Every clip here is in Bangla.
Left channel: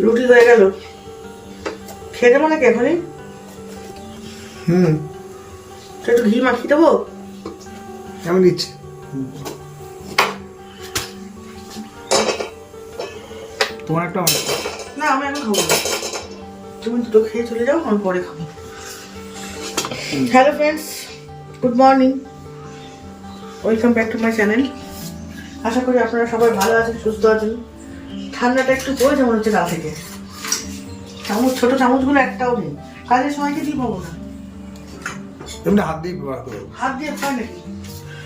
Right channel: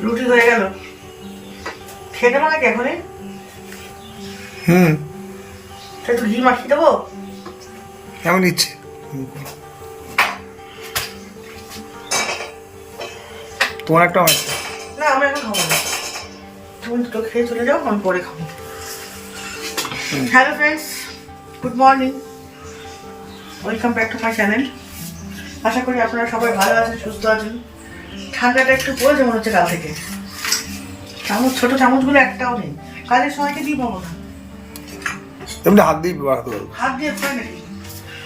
রুটি হয়ে গেল, খেতে মানে কি এখনই? একটু ঘি মাখিয়ে দেবো, এমন ইচ্ছে। তোমার একটা না আমি এখন খাবো না, তুমি দুটো খেয়ে চলে যাও, আমি পরে খাবো। Hello friends, good morning, welcome back to my channel. আশা করি আপনারা সবাই ভালো আছেন, সুস্থ আছেন। ঠান্ডাটা একটু পড়েছে মনে হচ্ছে কাল থেকে। চামচ, ছোট চামচগুলো একটাও নেই, কাজের সময়কে দিয়ে পাবো না। এমনি হাত দিয়ে বাড়াতে হবে, হাত দিয়ে খায় নাকি?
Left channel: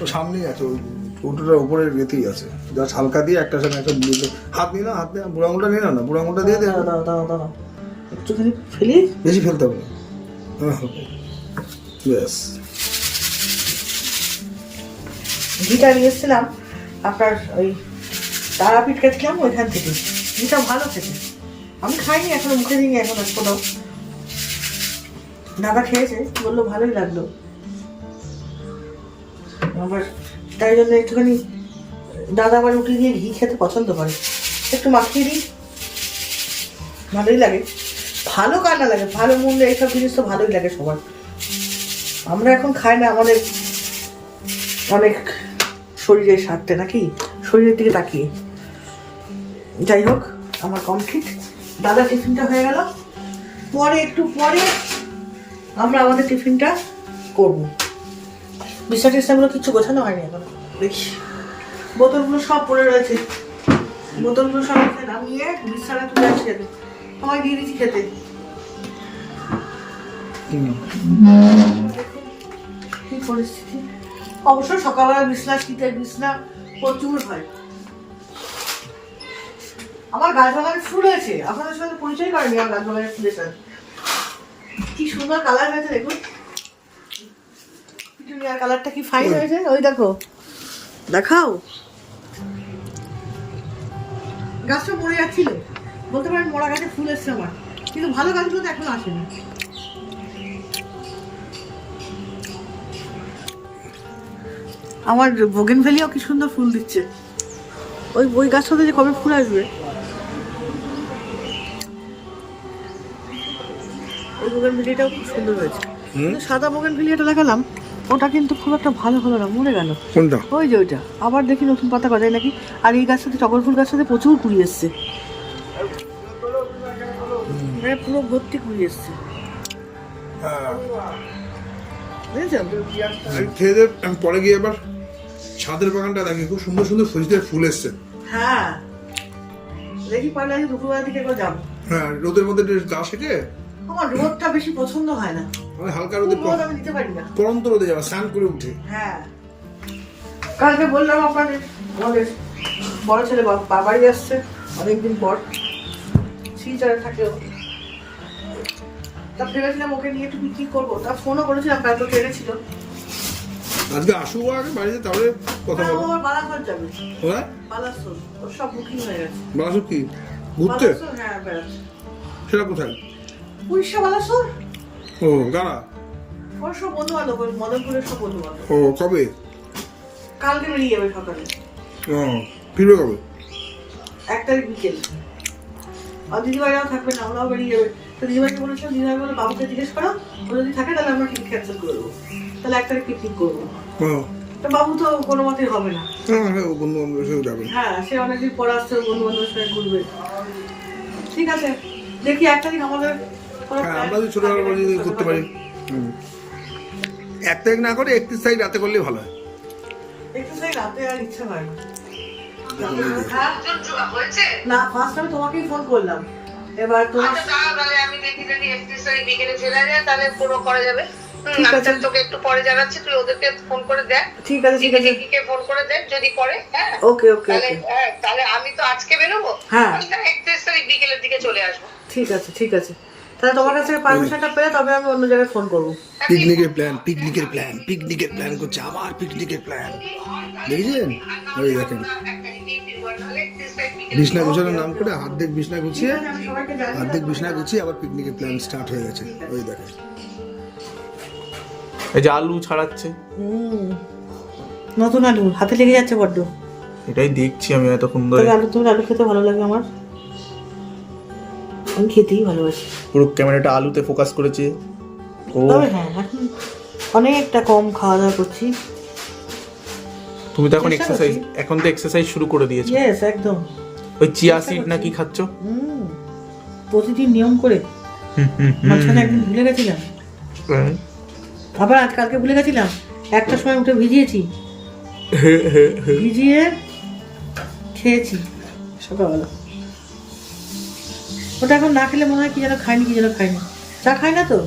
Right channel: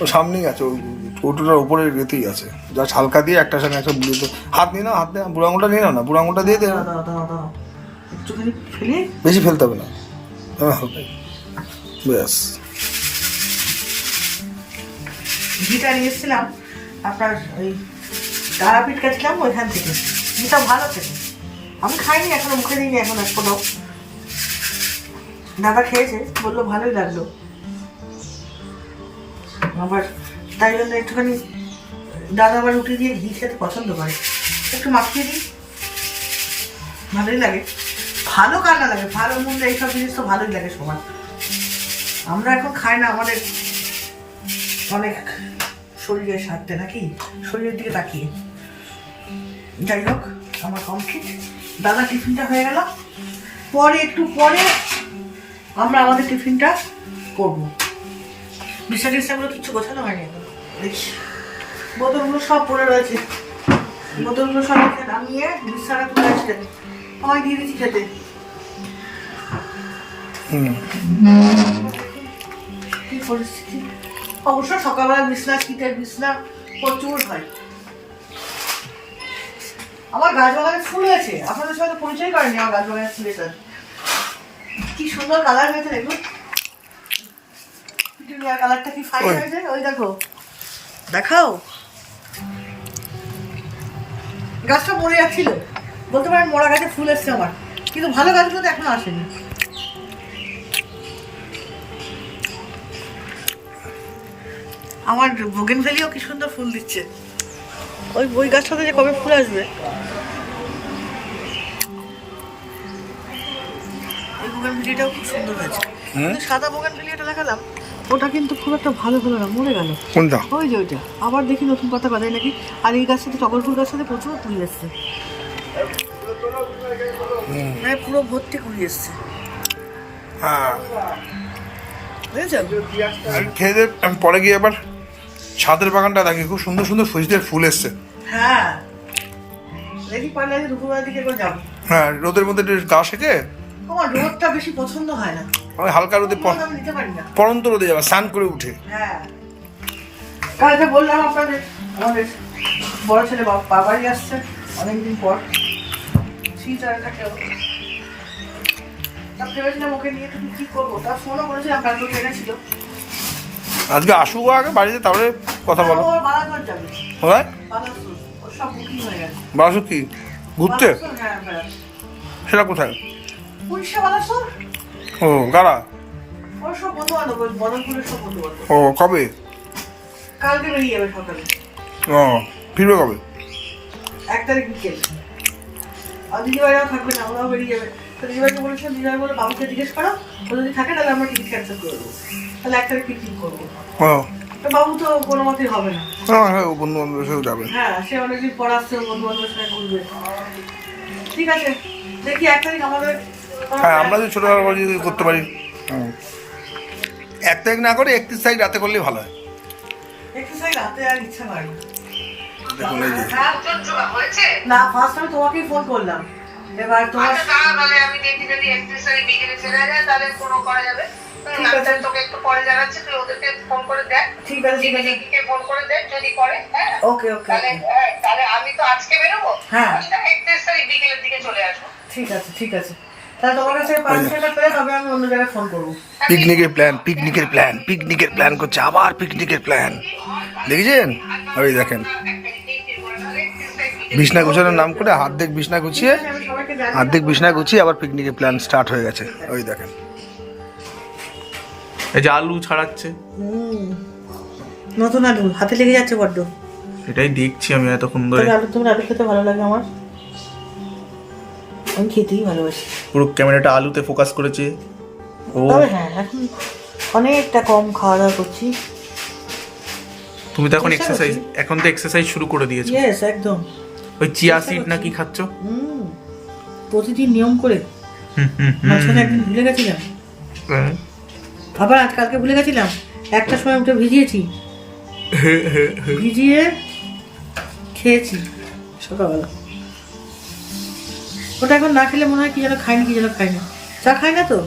ও সামনেই আছে, ওই কৌটোটার উপরে রেতেই আছে, যা হালকা দিয়ে একটা সামনে একটা বুড়ি তো হাত নিয়ে নাও, হাত দিয়ে বুড়ো আঙুলটা নিয়ে নাও না, বুড়ো আঙুলটা দিয়ে দেবে। দাও একটুখানি ফেলে, বেশি ফেলতে হবে না, হালকা ব্যাস। ঘিটা নিয়ে এসেছিলাম আপনার ওই তারাপীঠ গেছিলাম ওইখান থেকে, ঘিটা ভালো খেতে। আমি খাইনি এখনো, মুখে দিইনি এখন কোনো। দাদা খেয়েছে, বললো ভালোই লাগলো। আবার তাই জন্য একটুখানি, দাদা আবার রুটি দিয়ে ঘি খেতে পছন্দ করে, একটু মাখিয়ে দিই, ভালোই লাগে। ভালো কান্না লাগে, ভালো মূল্যে এইসব জিনিস তো ভালোই লাগে সবার। আমরা এখন খাই না, আমাদের অনেক শরীরের স্বার্থে নাকি, শরীরের দিকে তাকিয়ে। যাই হোক, আমার কমপ্লিট, দাদা টিফিনটা হয়ে গেল, পরে একটু পরে আমরা আমাদের টিফিনটা করবো। বিছনা টিছনাগুলো কিছু গোছানো হয়নি এখনো, দেখি বোতলগুলো সব পড়ে রয়েছে, বোতলগুলো সব নামিয়ে বিছানা তুলে এসে আমায় দিয়ে দিচ্ছি খেতে। কি পরিস্থিতি, অবশ্য সকালবেলা বিছনা, শীতের বিছনা প্রচুর হয়। আমার গাছ বাগানে ফুল আছে, আপনাদের সাথে পরিচয় করেনি আমার গাছ বাগানের ফুলের সাথে। কি সুন্দর কালার হয়েছে দেখুন, পিটুনিয়ার কালারটা কি ফাইন হয়েছে, ওই দেখো, দেখাও। গাছটা মরে যাচ্ছিল, বলতে পারেন মরা গাছে ফুল এসছে আমার, কিন্তু ভালো গাছগুলো তো এখন আসেনি। আমার বোগেনভেলিয়াও কি সুন্দর ফুল দিচ্ছে, ওই গাছটাতে যে কবে ফুল আসবে। ওই বোগেনভেলিয়াটাও খুব সুন্দর হয়েছে, কিন্তু সাদা বোগেনভেলিয়াটা দেখালাম, ওটা কিন্তু খুব একটা ভালো হলো না, মরে গেল। কোনটা? ওই যে ওইটা, আবার দেখি নতুন পাতা গজায় নাকি। আর এই গাছটাতে, টগর ফুল গাছটাতে প্রচুর কুড়ি এসছে, মানে পুরো ভর্তি কুড়ি এসছে, হ্যাঁ বুঝেছো? খেয়ে দে, আমি পরে গিয়ে এবার ছাদের বাগানটা দেখি, খুব সুন্দর সুন্দর ফুলদের ফুল এসছে। হ্যাঁ দেখি পয়লা দুপুরবেলার দিকে করে যাবো। হ্যাঁ, রোদের মধ্যে গা সেকে, আমার রোদটা বেশি পছন্দ হয় না, আমি হালকা রোদে রোদ আমি নিতে পারি না। পরন্ত রোদে যাবে স্নান করে উঠে। হ্যাঁ, কালকে বললাম আপনাদের, আমাদের বড় ছেলে বাবারই আসছে অনেকদিন পর, শিলচরে থাকেও। তা ভেবেছিলাম ওকে নিয়ে একটু কি করবো, তা ফোনও করেছিলাম, কাল তো ট্রেনে ছিল। আজকে আসুক আগে বাড়িতে, তারপরে কথা বলো। ও বালাসোর যাবে, হয় বালাসোর, ওর সব বুকিং হয়ে গেছে। বাসু কি ঘুরতে? বালাসোর, হ্যাঁ বেড়াতে। সেটা কোথায়? উড়িষ্যা বালাসোর, ও কারা? ওর সব বন্ধু বান্ধব, মদনপুরের সব বন্ধু বান্ধব। ও কবে? কালকে বেরিয়ে যাবে সকালে। ও ফিরবে কবে? 1 তারিখ বিকেল। আর দিদিভাইরাও থাকবে না, ওরাও বেরিয়ে যাবে। তো দিদিভাইকে বলেছিলাম, দিদিভাই বলে বাবুকে জিজ্ঞেস করো, ও যদি থাকে তাহলে আমরা টিকিট ক্যান্সেল করে দেবো, তাহলে 1 তারিখ পিকনিক করবো। ও তো বাবু তো কোনো মতেই হবে না। হ্যাঁ, ও বন্ধু বান্ধবের সাথে যাবে। হ্যাঁ, সে অনেকদিন পর আসছে, বন্ধু বান্ধবের সঙ্গে ঘুরবে। ঠিক আছে, দেখি 1 তারিখ আমাদের। হ্যাঁ, আমরা যদি ছোটোবেলা করে যদি করতে পারি। 1 তারিখ না করে 31 তারিখ রাতে করলেই ভালো হয়। একটু সাই রাতে আর ইচ্ছা হয় না। দেখুন এই যে না, ফার্স্ট আমি তোমাকেই ফোন করলাম, এবার তোমার। আমি দেখি যদি 31 তারিখ বিকেলে চলে যায় তাহলে পুরো করা যাবে। ঠিক আছে, তোকে একটু পরে জানাচ্ছি, তুই ওদেরকে ফোন করে দেখ। ঠিক আছে, ঠিক আছে, দিদিকে ফোন করে দেখ যদি করে। হ্যাঁ ওকে ওকে তাহলে ওকে, তাহলে আমি তো আজকে বেরোবো, হ্যাঁ 31 তারিখ বিকেলের দিকে চলে আসবো। ঠিক আছে, ঠিক আছে। তাহলে তোমার কাছে পারমিশনটা পেলে তবে আমি অন্য জায়গায় ফোন করবো। পিকনিকের প্ল্যান করছে, আবার পিকনিকের প্ল্যান দেখেছেন? ওই দেখেন, বিছনা গুছানোর নাম করে হাত বিছনা গুছিয়ে, আমি সবাইকে জানি। হাত বিছনা গুছিয়ে আবার পিকনিকের প্ল্যান স্টার্ট হয়ে গেছে। ওই দেখেন, এই যে আলু ছাড়াচ্ছে, নতুন আলু হাতে লেগে যাচ্ছে বড্ড। এটাই দেখছি আমি এতক্ষণ ধরে। আলু, তুমি আলু খেতে ভালো লাগে আমার। আমি খেতেই ভালোবাসি। পুরো ক্যামেরাটা আলুতে ফোকাস করেছে ও। তবে হ্যাঁ, এখন অনেকটা কম খাওয়া দাওয়া করছি। তুমি তো এখন চেষ্টা এক্সারসাইজ, করছি। এখন তো এক্সারসাইজ শুরু করে দিয়েছো। ইয়েস, একদম। ওই চিয়া চেষ্টা সিড না করছি। কি খাচ্ছ? প্রতিদিন নিয়ম করে। মাঝখানে একদিন ভুলে গেছিলাম, আবার কালকে ভুলে গেছিলাম, একটার সময় উঠে ভিজিয়েছি, ভিজিয়ে খেয়েছি সকালবেলা। ওটা এখন না খেলে মনে হয় কি যেন খাইনি, চা খাই না তো,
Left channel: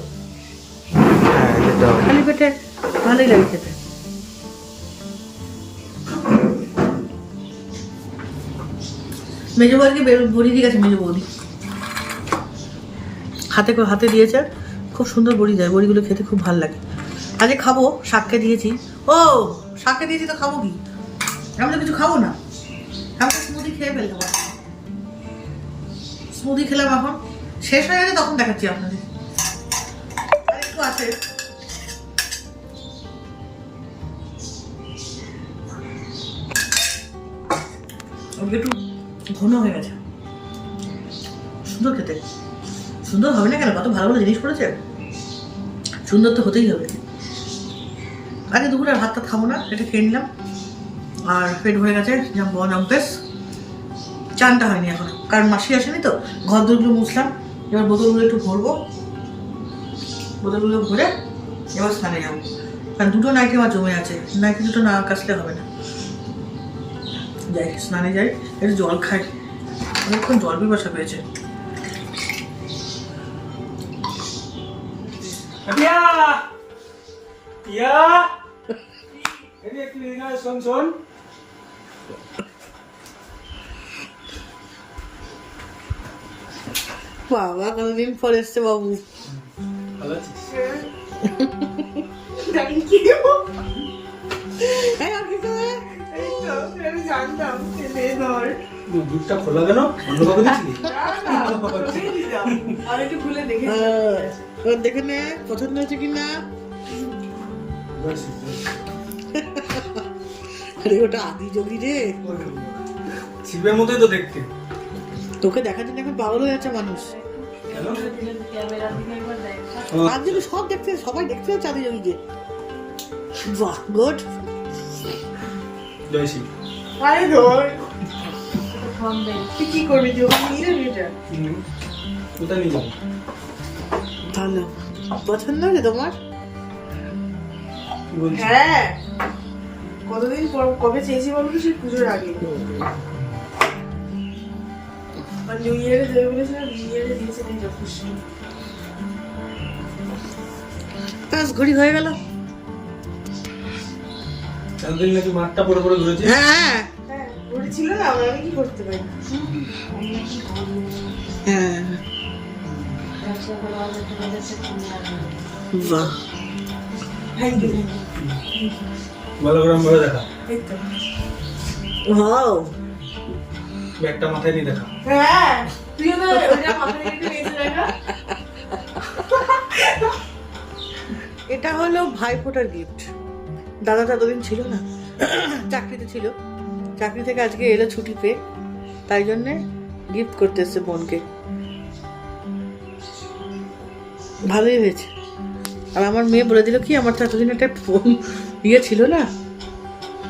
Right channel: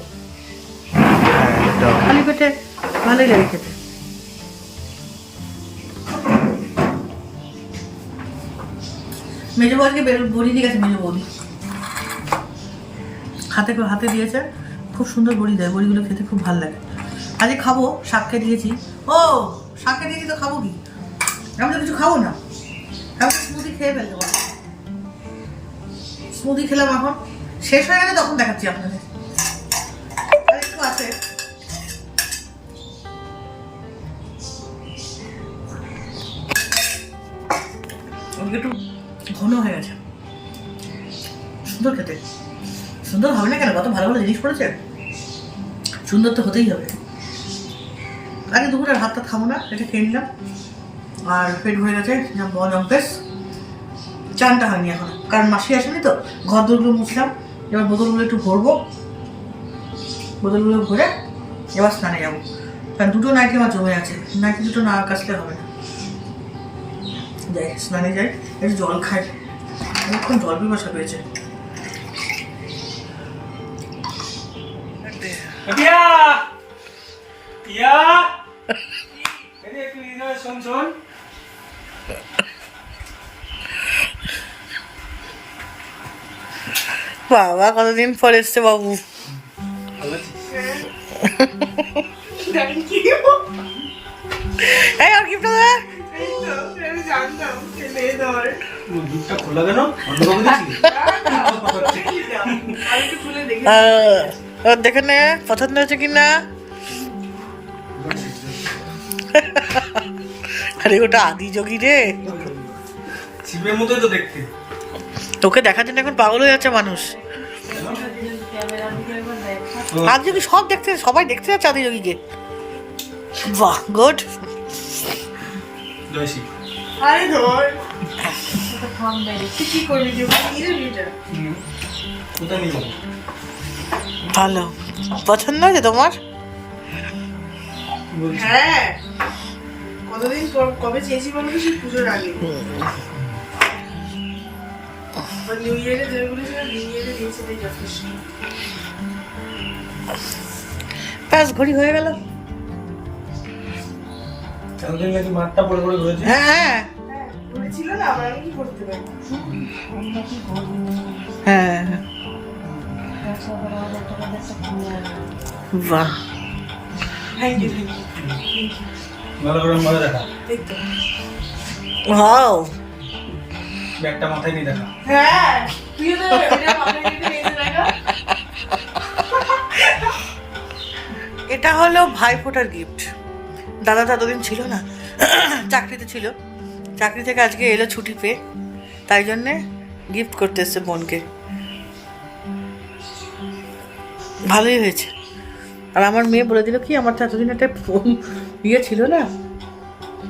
খালি পেটে ভালোই লাগে খেতে। মেজো বৌদিকে বড়ি দিয়ে গেছে, মেজো বৌদি হাতে দিয়েছে, খুব সুন্দর বড়ি দেয়, বড়িগুলো খেতে খুব ভালো লাগে। আজকে খাবো, শাককে দিয়েছি। ও শাককে দিয়েছি তো খাবো কি, আমি তো কিছু খাবো না, আমি তো স্মুদি খেয়ে ফেলবো। স্মুদি খেলাম, এখন শেষ হয়ে গেলে তখন দেখাচ্ছি আপনাদের। আর একটু আছে, একটু ঘন হয়ে গেছে, সুন্দর খেতে। সুন্দর হবে না কেন, কত ভালো ভালো জিনিস পড়েছে, সুন্দর তো হতেই হবে। আগে দুপুরে ভাত টাত খাবো না, এটা খেয়ে নিলাম আর পেট ভরে গেছে। জম্পেস চানটা হয়নি এখন, কারণ মাসি আসেনি তো, ঘর দোরগুলো মুছলাম। এবার বোতলগুলো একটু ভরবো, বোতলগুলো ভরে এবার স্নানে যাবো, কারণ দুটো নাইটি আমার জমে আছে, নাইটি দুটো না কাচলে হবে না। যাই স্নানে যাই, একটু জল খাই, অনেকক্ষণ জল পিপাসা পেয়েছে। বাবা কতদিন পর এসছে বাবু। এই আর গিফট দে। দেখে নে পছন্দ হয়েছে কিনা। আরে ওটা আদি যোগী রে, শিবের মতোই তো দেখতে। তোকে দেখার জন্য এখন পাগল হয়ে যাচ্ছে মানুষ। আদি যোগী সব দেখতে, সবাই দেখতে যাচ্ছে আদি যোগীকে। বাহ গুড। জয় শিব। আরে ধর কি করবি দিও নিয়ে নিটা। ওটা নিয়ে যাবো। ভালো পছন্দ হয়েছে তোমার? হ্যাঁ, কতদিন পর কবে চেয়েছি বলবি, সেই পুজোর আগে। নিউ ইয়ারে দেবে বলেছিল, নিউ ইয়ারে দিয়েছে, তাই যথেষ্ট। ব্যাস ঘড়ি হয়ে গেল। চাঁদের নাকি মাঠটা পড়ে পড়ে ঘুরেছে। হ্যাঁ ঘড়ি ছিল না, আমরা কি করতে পারি। হ্যাঁ বাহ, ভালো করে ভাবে দেখা, ওয়াও। ব্যাগটা মাথায় নিয়ে দেখা। হ্যাঁ তুইও তো এটা মাথায় নিয়ে দেখা। এটা হলো ভাইফোঁটার গিফট। দাদা তো এতদিন ছিল না, চাকরিতে ছিল, চাকরি থেকে আজকে এলো ছুটি পেয়ে, তাই জন্যে গিফট করতে এসছে বোনকে। ভালোই হয়েছে। আর আমার মেয়ে বলে দিল কি, আমার তো এতদিন একটা ফোন ইয়ে ছিল না,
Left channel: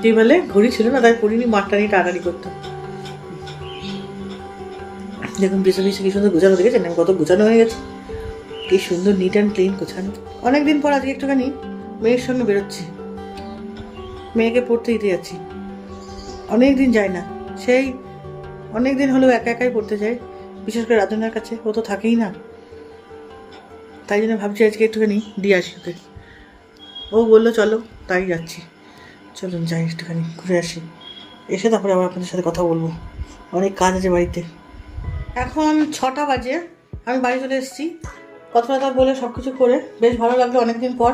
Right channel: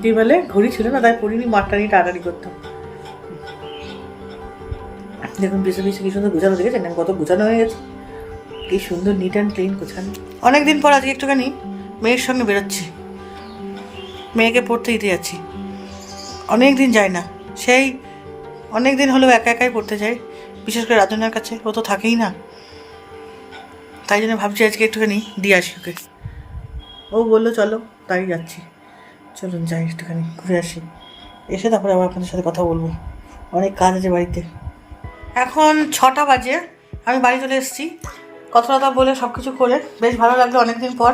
তুই বলে ঘড়ি ছিল না, তাই পড়িনি, মাঠটা নিয়ে টাটারি করতাম। দেখুন পিছনে পিছনে কি সুন্দর গোছানো, দেখেছেন কত গোছানো হয়ে গেছে, কি সুন্দর নিট অ্যান্ড ক্লিন গোছানো। অনেকদিন পর আজকে একটুখানি মেয়ের সঙ্গে বেরোচ্ছি, মেয়েকে পড়তে দিতে যাচ্ছি। অনেক দিন যায় না, সেই অনেক দিন হলেও একা একাই পড়তে যাই, বিশেষ করে রাজনার কাছে, ও তো থাকেই না, তাই জন্য ভাবছি আজকে একটুখানি দিয়ে আসি ওকে। ও বললো চলো, তাই যাচ্ছি। চলুন যাই একটুখানি ঘুরে আসি, এসে তারপরে আবার আপনাদের সাথে কথা বলবো, অনেক কাজ আছে বাড়িতে। এখন 6টা বাজে, আমি বাড়ি চলে এসেছি, কথা কথা বলে সব কিছু করে বেশ ভালো লাগলো অনেকদিন পর,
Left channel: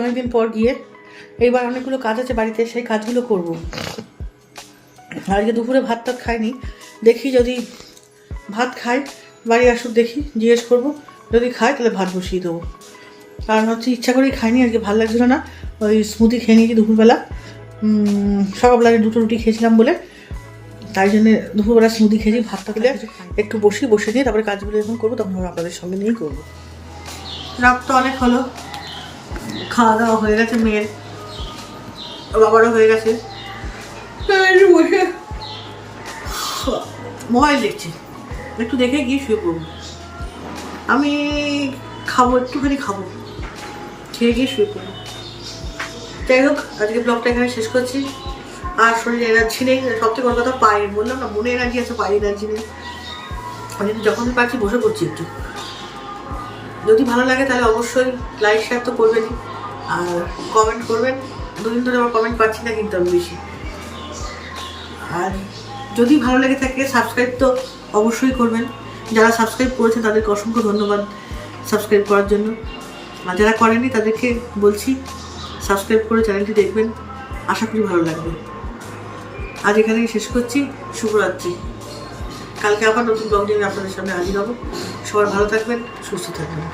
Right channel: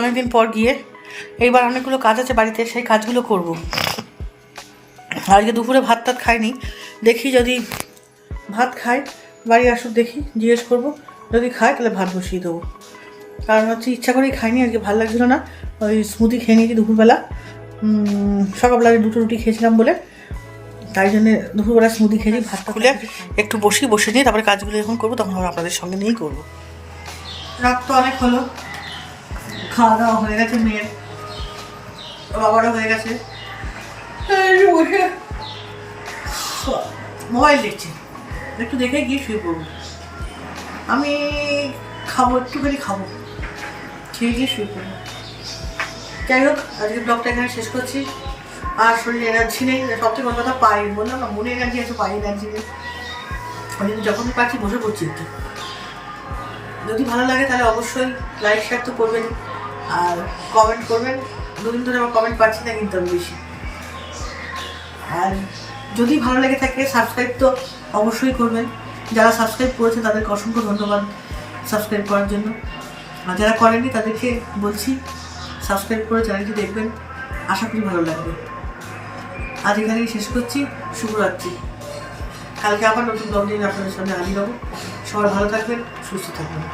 অনেকদিন পর গিয়ে। এইবার অনেকগুলো কাজ আছে বাড়িতে, সেই কাজগুলো করব। আজকে দুপুরে ভাত টাত খাইনি, দেখি যদি ভাত খাই, বাড়ি আসুক দেখি, জিজ্ঞেস করবো, যদি খাই তাহলে ভাত বসিয়ে দেবো। কারণ হচ্ছে ইচ্ছা করেই খাইনি আজকে, ভালো লাগছিল না, ওই স্মুদি খেয়ে নিয়েছি দুপুরবেলা, সকালবেলা 2টো রুটি খেয়েছিলাম বলে তাই জন্য দুপুরবেলা স্মুদি খেয়েছি, ভাতটা খুলে একটু বসে নিয়ে তারপরে কাজগুলো যখন করবো তখন আমরা আপনাদের সঙ্গে নিয়েই করবো। রাত তো অনেক হলো, খাওয়া দাওয়া হয়ে গেছে, মেয়ের বাবারও হয়ে গেছে, মোবাইল দেখছি, একটু দেখে গিয়ে শুয়ে পড়বো। আমি একটুখানি খাবো, খেয়ে গিয়ে শুয়ে পড়বো। যাই হোক, আজকে ব্লগটা এখানে শেষ করছি। আর শরীরে এনার্জি নেই, সব থেকে বড় কথা পায়ে, বললাম না মনে এনার্জি আছে, পায়ে এনার্জি নেই। আমি যখনই পারছি বসে পড়ছি একটু। যদি ভালো লাগে তাহলে অবশ্যই লাইক শেয়ার তো করবেনই, আর কমেন্ট করবেন। দুদিন ধরে আমার কমেন্ট পাচ্ছি না কিন্তু আমি বেশি। আর যদি ভালো লেগে থাকে সাবস্ক্রাইব তো অবশ্যই করবেন। যারা সাবস্ক্রাইব করেছেন তাদেরকে অসংখ্য ধন্যবাদ সাবস্ক্রাইব করার জন্য। আর যারা করেননি তাদেরকে বলছি সাবস্ক্রাইব করে চ্যানেলটি দেখবেন, আশা করি ভালো লাগবে। আজ এখানেই শেষ করছি, শুভরাত্রি। কালকে আবার নতুন ব্লগ নিয়ে আপনাদের সামনে হাজির হব। সবাই ভালো থাকবেন, সুস্থ থাকবেন।